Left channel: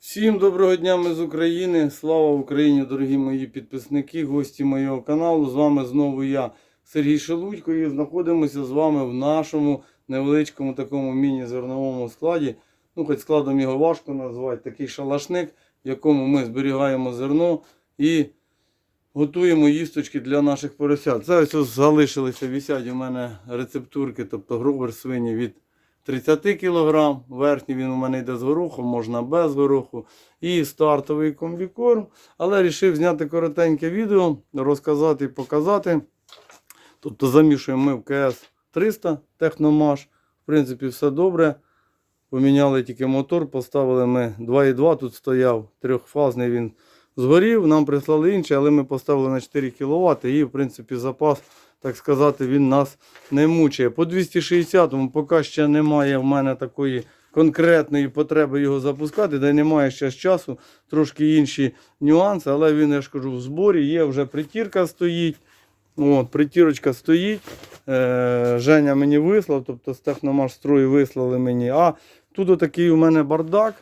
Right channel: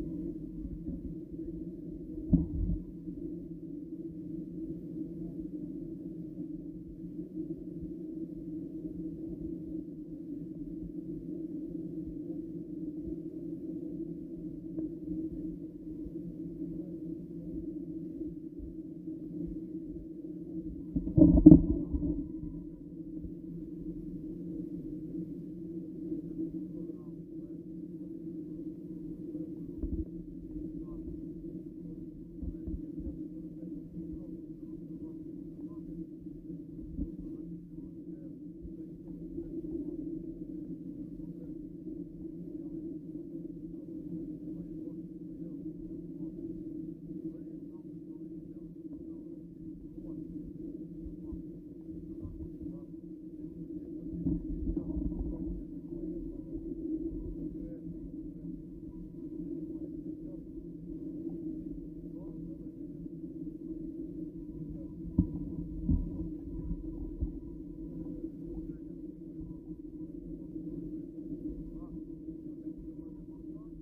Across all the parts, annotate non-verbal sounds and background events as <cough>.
Всім доброго дня, ми з України. Слава Україні, дорогі мої підписники, гості моєго каналу. З вами знову я, Сергій Шелудько, і знаходимося з вами в нашому невеличкому такому міні-зерновому складі. Ну, хоч складом його важко назвати, такий шалашник, в якому ми зберігаємо зерно і готуємо їсточки для наших поросят. Це ось залишилися, висять у мене рецептурки, тобто гробер свині від 30 кг, верхній він у мене йде з горохом, можна без гороху. І стартовий комбікорм. Але вирішив зняти коротеньке відео, розказати і показати. Тобто замішуємо ми в КС 300 Техномаш. В принципі, все добре. Поміняли тільки мотор, поставили ми 2,2, тут стояв трьохфазний він згорів, нам прислали інший, але ми поставили на 4 кВт і в принципі запас, так сказати, він нас не мучає. По 260-му поки ще немає в мене такої конкретної потреби його запускати, де немає ще часу, трошки інші нюанси, але він, я ж кажу, в зборі є, вже притірка стоїть. От, притірочка стоїть. Е, Женя мені вислав, тобто з техномаш строю вислали мені. А тут отакий у мене бардак.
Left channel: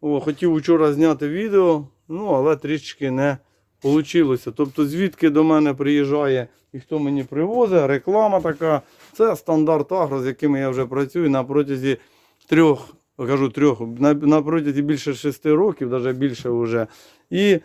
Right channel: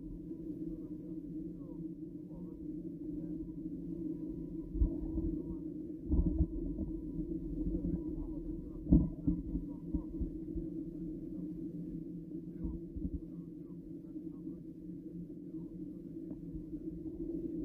О, хотів вчора зняти відео, ну але трішечки не вийшло. Тобто, звідки до мене приїжджає і хто мені привозить, реклама така. Це стандарт агро, з якими я вже працюю на протязі трьох, кажу трьох, на, на протязі більше шести років, навіть більше вже. І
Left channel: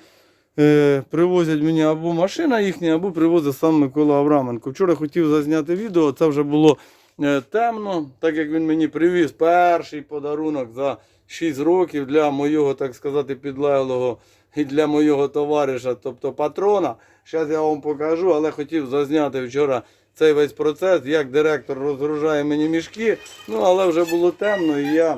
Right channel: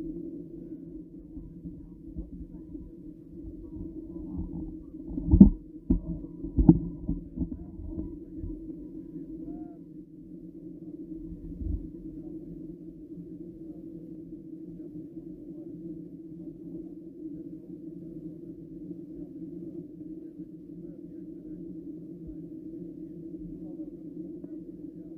е, привозять мені або машина їхня, або привозить сам Микола Авраменко. Вчора хотів зазняти відео, це вже було е, темно, так як він мені привіз перший подарунок за 6 років для моєго, так сказати, підлеглого і для моєго товариша, тобто патрона. Зараз я вам покажу, але хотів зазняти вчора цей весь процес, як директор розгружає мені мішки. Ну, але вже було темно, і я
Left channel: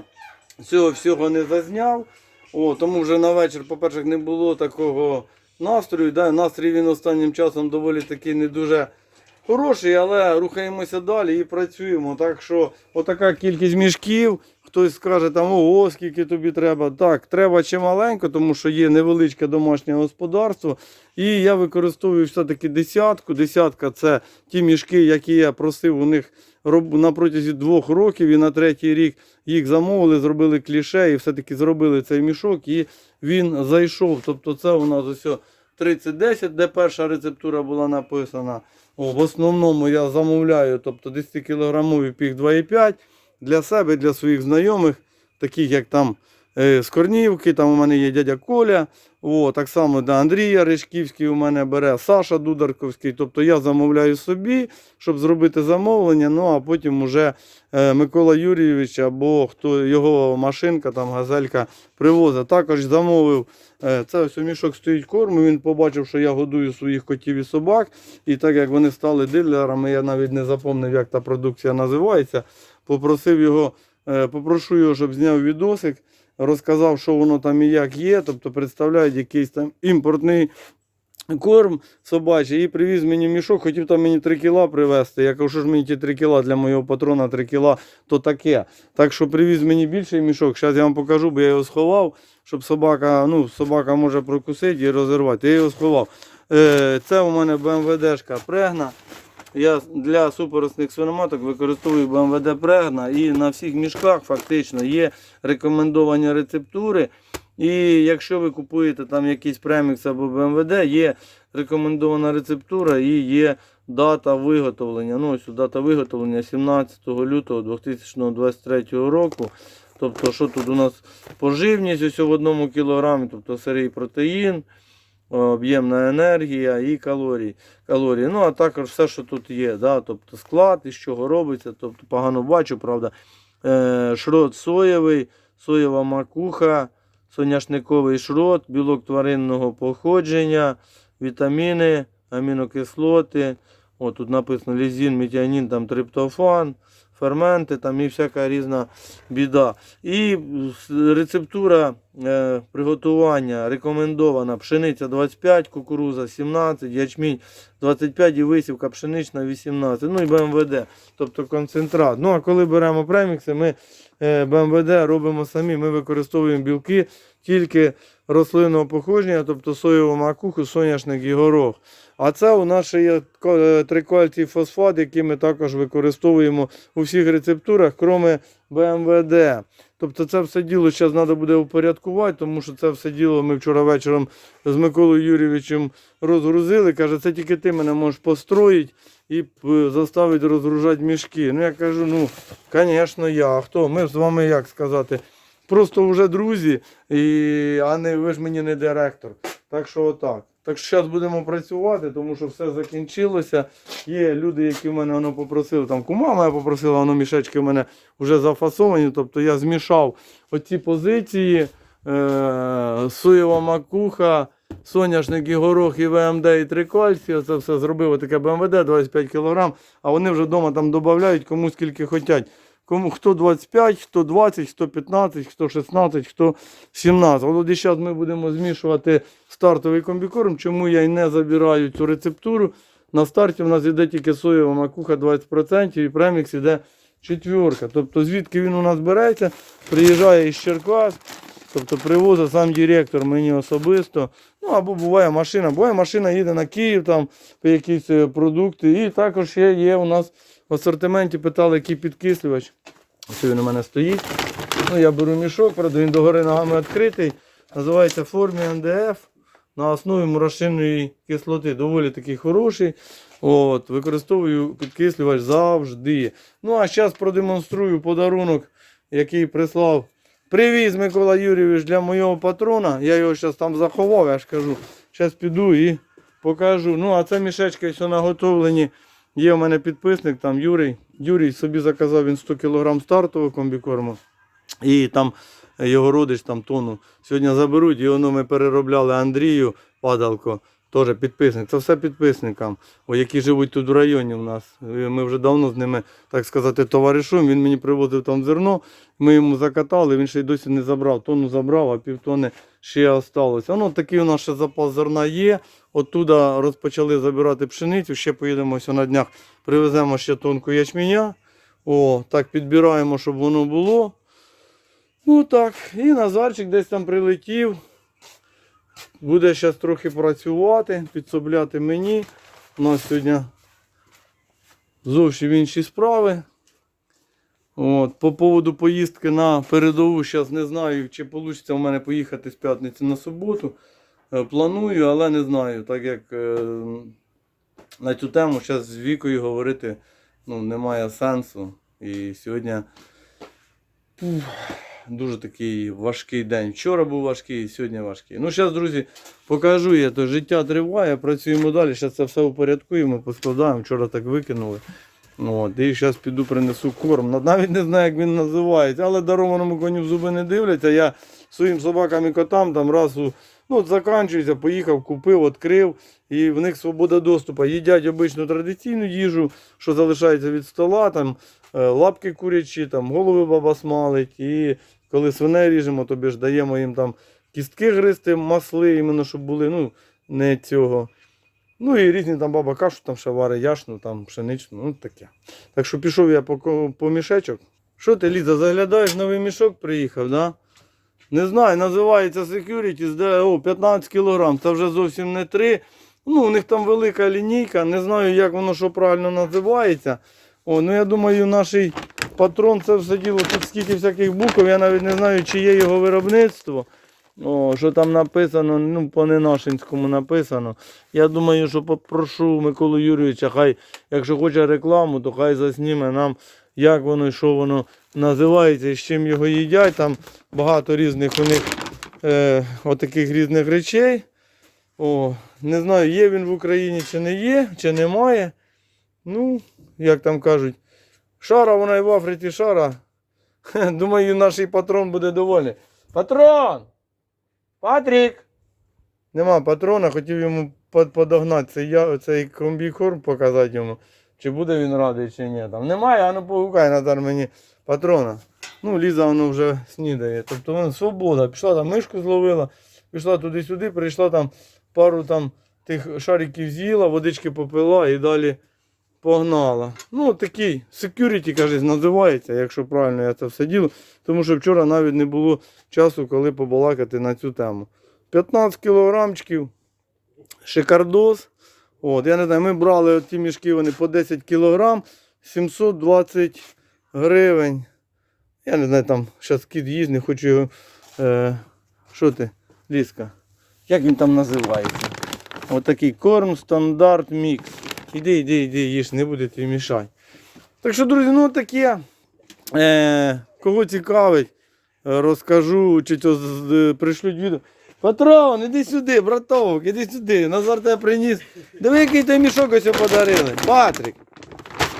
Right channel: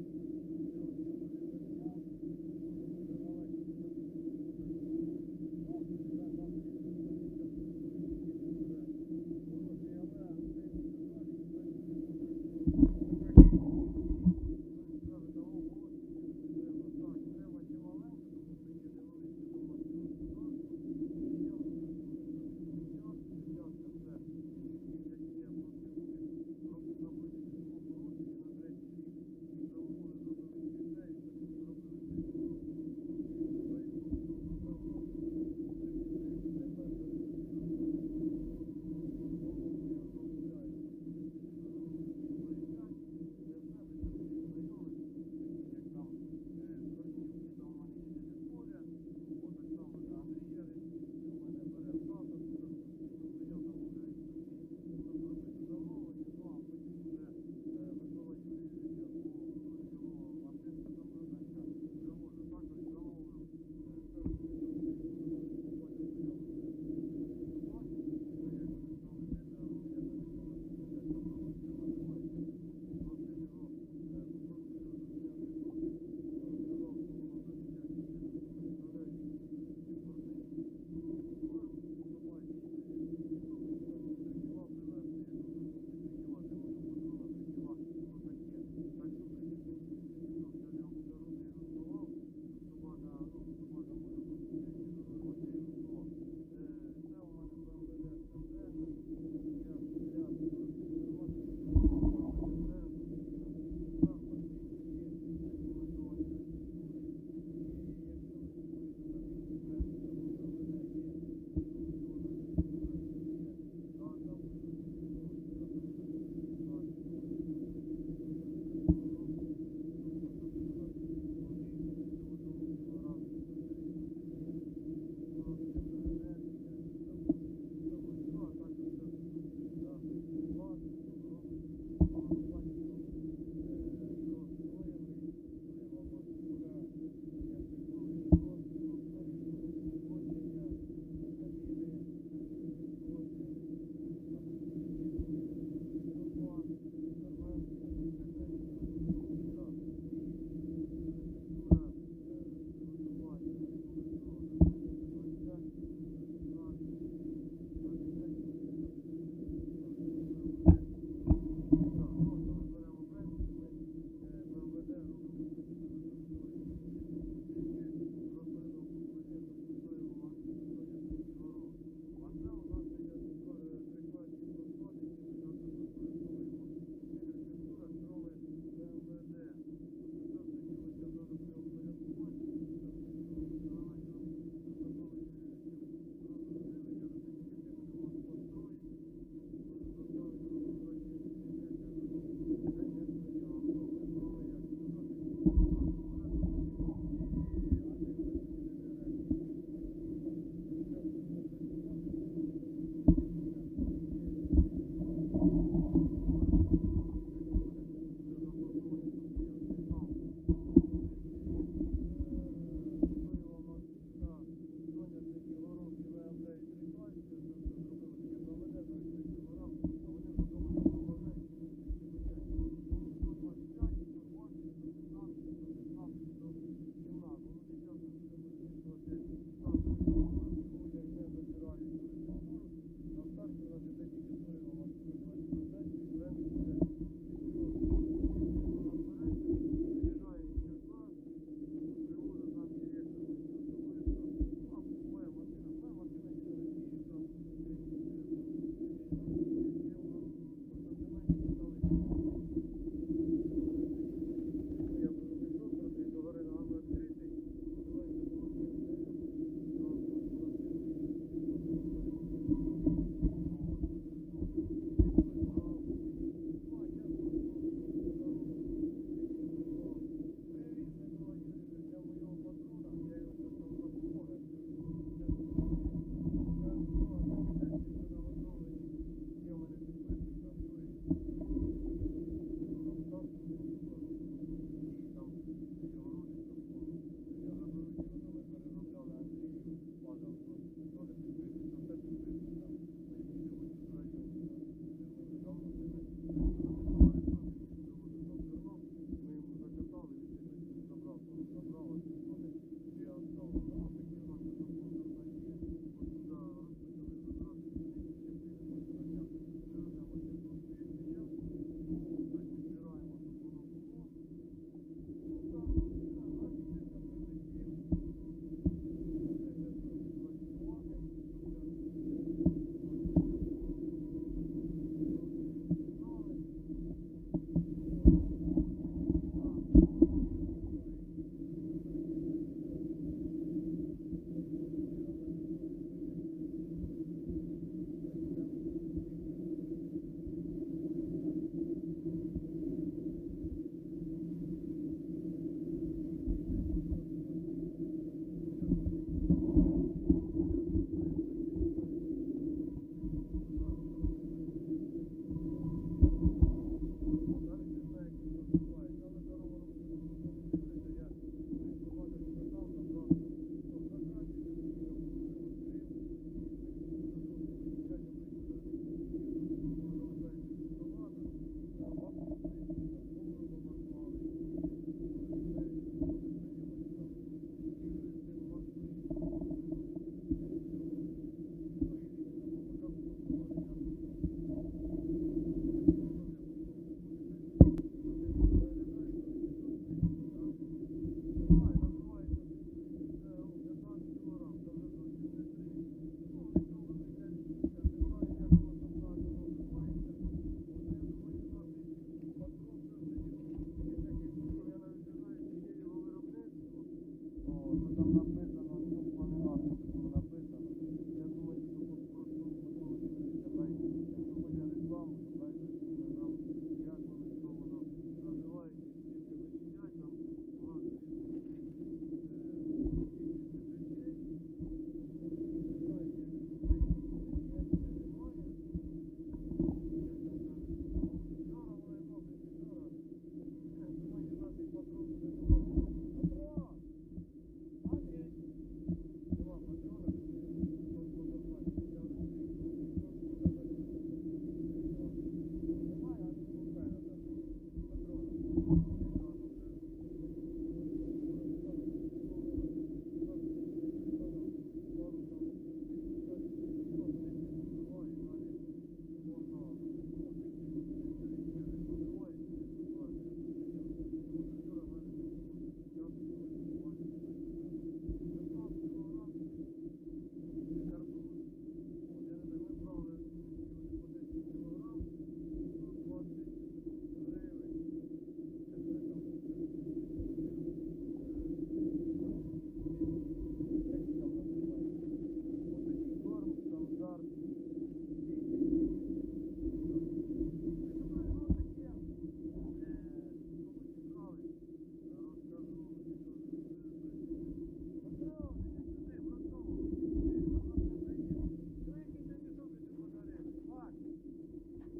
цього всього не зазняв. О, тому вже на вечір, по-перше, не було такого настрою. Да? Настрій він останнім часом доволі таки не дуже хороший, але рухаємося далі і працюємо. Так що отака кількість мішків. Хтось скаже, там, ого, скільки тобі треба. Так, треба чималенько, тому що є невеличке домашнє господарство. І я використовую все-таки десятку. Десятка це ті мішки, які я просив у них на протязі двох років і на третій рік їх замовили, зробили кліше і все-таки зробили цей мішок, і він зайшов. Тобто це у нас ось 3010, де перша рецептура була написана. О, в основному я замовляю тобто 10 кілограмовий пік 2,5 для себе, для своїх знайомих, таких як там е, з Корнівки, там у мене є дядя Коля. О, так само до Андрія Ришківський у мене бере, Саша Дударковський. Тобто я замовляю собі, щоб зробити замовлення. Ну а потім уже е, Микола Юрійович або хто його машинка, там газелька привозить. Також замовив. е, Це ось у мішок стоїть корм. Він побачив, що я годую своїх котів і собак. І так як вони стали дилерами, я навіть не запомнив, як та продукція називається. Попросив його, е, попрошу його, щоб зняв відосик, розказав, що воно там і як є. Тобто представляють якийсь там імпортний корм собачий і привіз мені мішок, хотів там мені 3 кіла привезти. Я кажу, що ж мені ті 3 кіла для моєго патрона 3 кіла, то таке. Так що привіз мені більший мішок. Зараз я вам покажу, бо я його сховав, щоб собака, ну, собака може прокусити і розірвати. Я його сховав. Е, Це у мене БМВДшка прегна. Я для супоросних свиноматок використовую БМВД Прегна і на всіх мішках фактично є рекомендовані рецептури. І якщо ви купуєте там якийсь премікс або БМВД, є рекомендована рецептура і є дата виготовлення. Ну, ось дата виготовлення 17 лютого 2023 року. Тобто, що тут у нас поживність ось в одному кілограмі, тобто сирий протеїн, об'ємна енергія і калорії. калорії. Ну, а також все, що тут є. Да? Тобто склад, із чого робиться, тобто погано бачу, правда. Е, шрот соєвий, соєва макуха, соняшниковий шрот, білок тваринного походження, вітаміни, амінокислоти. О, тут написано лізін, метіанін, там триптофан, ферменти там і всяка різна біда. І рецептура е, приготування рекомендована пшениця 25, кукуруза 17, ячмінь 25 і висівка пшенична 18, ну і БМВД, тобто концентрат. Ну а коли беремо премікси, ми е, БМВД робимо самі. Ми використовуємо білки тільки рослинного походження, тобто соєву макуху, соняшник і горох. А це у нас ще є е, фосфат, який ми також використовуємо у всіх рецептурах, крім БМВД. Тобто це все діло зараз треба буде упорядкувати, тому що це все діло ми вчора вечором з Миколою Юрійовичем розгрузили. Каже, це тільки ти мене можеш построїти і е, заставити розгружати мішки. Ну я кажу, ну, звісно, я. А хто? Ми з вами як сказати? Просто вже друзі, і... а не ви ж мені не директор. Так що отак. Так що зараз будемо працювати, тому що все закінчилося. Є люди, які в мене воно попросили. Там кума моя попросила, воно мішечки в мене вже зафасовані. Тобто я змішав оці позиції. Е- соєва макуха, соняшник і горох, і ВМД, і трикальці. Це все зробив таке БМВД 25 кг, а вони вже вдома там додають кому скільки хочуть. Кому хто 25, хто 20, хто 15, хто 16, хто 17. От зараз ми будемо змішувати стартовий комбікорм. Чому я й не забираю цю рецептуру? На старті в нас йде тільки соєва макуха 20% і премікс йде четверка. Тобто звідки він у нас береться, приїжджає із Черкас, тобто привозить сам директор мені особисто. Ну або буває машина. Буває машина їде на Київ там по якісь е, продукти. І також є, є у нас в асортименті питали, який підкислювач. Ось він у мене стоїть. Ну, я беру мішок, правда, він догори ногами відкритий. Називається формі НДФ на основі мурашиної кислоти. Доволі такий хороший. От, використовую підкислювач завжди. Ну а зараз продемонструю подарунок, який прислав. Привіз Микола Юрійович для моєго патрона. Я його зараз там заховав, я ж кажу. Зараз піду і покажу. Ну, а це мішечки все наготовлені. Є у мене підписник, там Юрій. Юрій собі заказав він 100 кг стартового комбікорму. І там його родич там тону. Сьогодні заберуть, і воно ми переробляли Андрію Падалко, теж підписник. Це все підписникам, які живуть тут в районі у нас. Ми вже давно з ними, так сказати, товаришуємо. Він мені привозив там зерно, ми йому закатали, він ще й досі не забрав. Тонну забрав, а півтони ще осталося. Ну, такий у нас ще запас зерна є. Оттуда розпочали забирати пшеницю, ще поїдемо на днях, привеземо ще тонку ячменя. О, так підбираємо, щоб воно було. Ну так, і Назарчик десь там прилетів. Буде зараз трохи працювати, підсобляти мені. У нас сьогодні зовсім інші справи. От, по поводу поїздки на передову, зараз не знаю, чи вийде у мене поїхати з п'ятниці на суботу. Е, Планую, але не знаю, так як е, на цю тему зараз з вікою говорити ну, немає сенсу. І сьогодні дуже такий важкий день. Вчора був важкий, сьогодні важкий. Ну, зараз, друзі, покажу я, то життя триває, працюємо далі. Зараз це все упорядкуємо, поскладаємо. Вчора так викинули. От, і зараз піду принесу корм. Навіть не знаю, як він називається, але дарованому коню в зуби не дивляться. Я своїм собакам і котам там раз у ну, заканчується, поїхав, купив, відкрив, і в них свобода доступу. Їдять обичну традиційну їжу, що залишається від стола, там е, лапки курячі, там голови баба смалить. І коли свиней ріжемо, тобі ж даємо їм там кістки гристи, масли, іменно, щоб були, ну, не цього. Ну і різні там баба кашу там ще варить, яшну, там пшеничну, ну таке. Так що пішов я по, по мішечок. Що ти, Ліза, заглядаєш, новий мішок приїхав, да? Не знаю, називається Securities, де о, 15 кг, це вже зовсім не 3. Ну, у них там велика лінійка, не знаю, як воно що правильно називається. О, ну я думаю, наш патрон це все діло, тут скільки всяких букв, я навіть не знаю, чи є його виробництво. О, що там написано, ну, по ненашинському написано. Я думаю, що попрошу Миколу Юрійовича, хай, якщо хоче рекламу, то хай засніме нам, як воно і що воно називається, і з чим його їдять. Там багато різних у них е, отаких різних речей. О, не знаю, є він в Україні чи не є, чи немає. Ну, як там кажуть, шара вона і в Африці шара. <laughs> Думаю, наш патрон буде довольний. Патрон! Патрік! Нема патрона, хотів йому подогнати цей, цей комбікорм, показати йому. Чи буде він радий, чи ні. Там немає, а ну погукай Назар мені патрона. Ну, Ліза воно вже снідає. Тобто вона свобода. Пішла там мишку зловила, пішла туди-сюди, прийшла там пару там тих шариків з'їла, водички попила і далі Погнала. Ну, такий security, каже, називається, якщо правильно я це все діло. Тому що вчора навіть не було часу, коли побалакати на цю тему. 15 кілограмчиків, шикардос. От, я не знаю, ми брали ті мішки вони по 10 кілограм, 720 гривень. Я не знаю, там зараз кіт їсть, не хочу його. Е, що ти, Ліска? Як він там називається? Отакий корм стандарт мікс. Іди, іди, іди, їж, не буде тобі мішати. Так що, друзі, ну таке. Е, кого цікавить, розкажу, чи то з- відео. Патрон, іди сюди, братовок, іди сюди. Назар тебе приніс. Диви, який той мішок ось подарили. Патрік.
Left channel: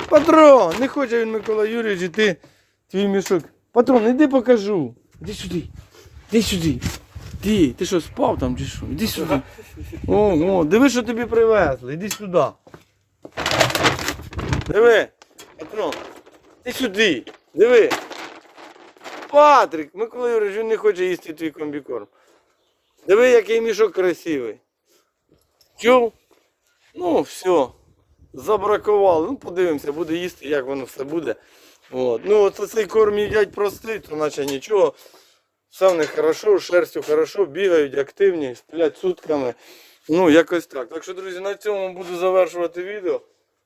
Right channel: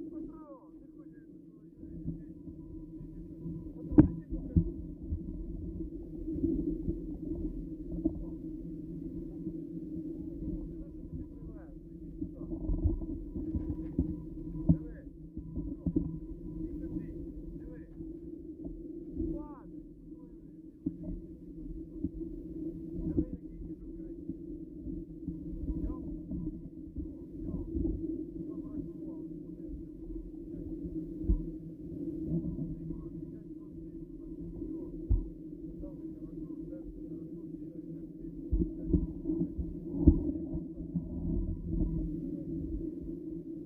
Патрон, не хоче він Микола Юрійович, і ти твій мішок. Патрон, іди покажу. Іди сюди. Іди сюди. Ти, ти що, спав там чи що? Іди сюди. О, о, диви, що тобі привезли. Іди сюди. Диви. Патрон. Іди сюди. Диви. Патрик, Микола Юрійович, він не хоче їсти твій комбікорм. Диви, який мішок красивий. Чув? Ну, все. Забракували. Ну, подивимося, буде їсти, як воно все буде. От. Ну, от цей корм їдять простий, то наче нічого. Все в них хорошо, шерстю хорошо, бігають, активні, сплять сутками. Ну, якось так. Так що, друзі, на цьому буду завершувати відео.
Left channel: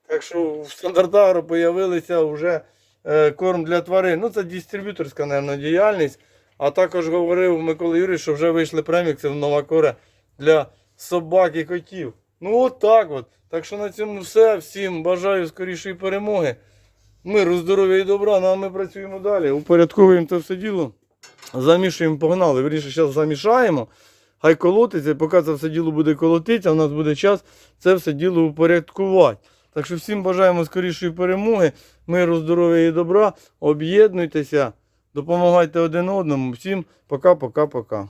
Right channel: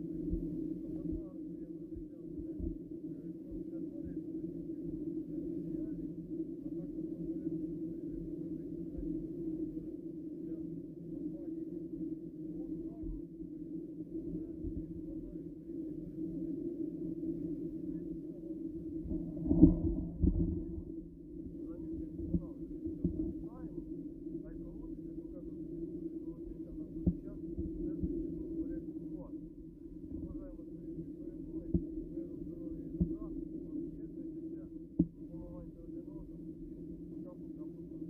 Так що в стандартагро з'явилися вже е, корм для тварин. Ну, це дистриб'юторська, мабуть, діяльність. А також говорив Микола Юрійович, що вже вийшли премікси в нова кора для собак і котів. Ну, от так от. Так що на цьому все. Всім бажаю скорішої перемоги. Миру, здоров'я і добра. Ну а ми працюємо далі. Упорядковуємо це все діло. Замішуємо, погнали. Вірніше, зараз замішаємо. Хай колотиться, поки це все діло буде колотитися, у нас буде час це все діло упорядкувати. Так що всім бажаємо скорішої перемоги, миру, здоров'я і добра. Об'єднуйтеся, допомагайте один одному. Всім пока-пока-пока.